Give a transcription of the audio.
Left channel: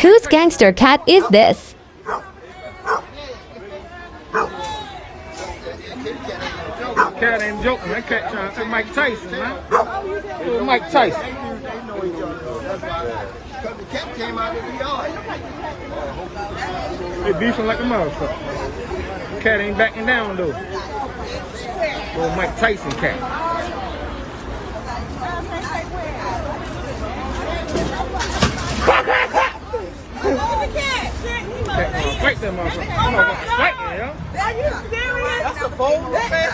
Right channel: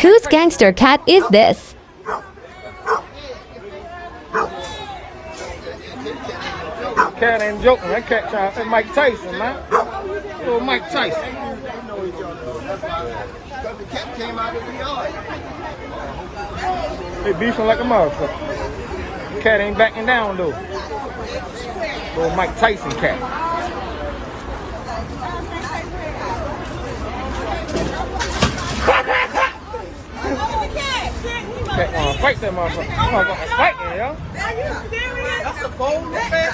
Whose gangster cat is this? Cat ain't joking. That cat trying to Mike Tyson, man. Little Mike Tyson. They beefing like a motherfucker. Cat ain't backing down though. Little Mike Tyson cat. Cat gonna fight that motherfucker. That motherfucker's fighting, yo. Are you serious? That's a bold man.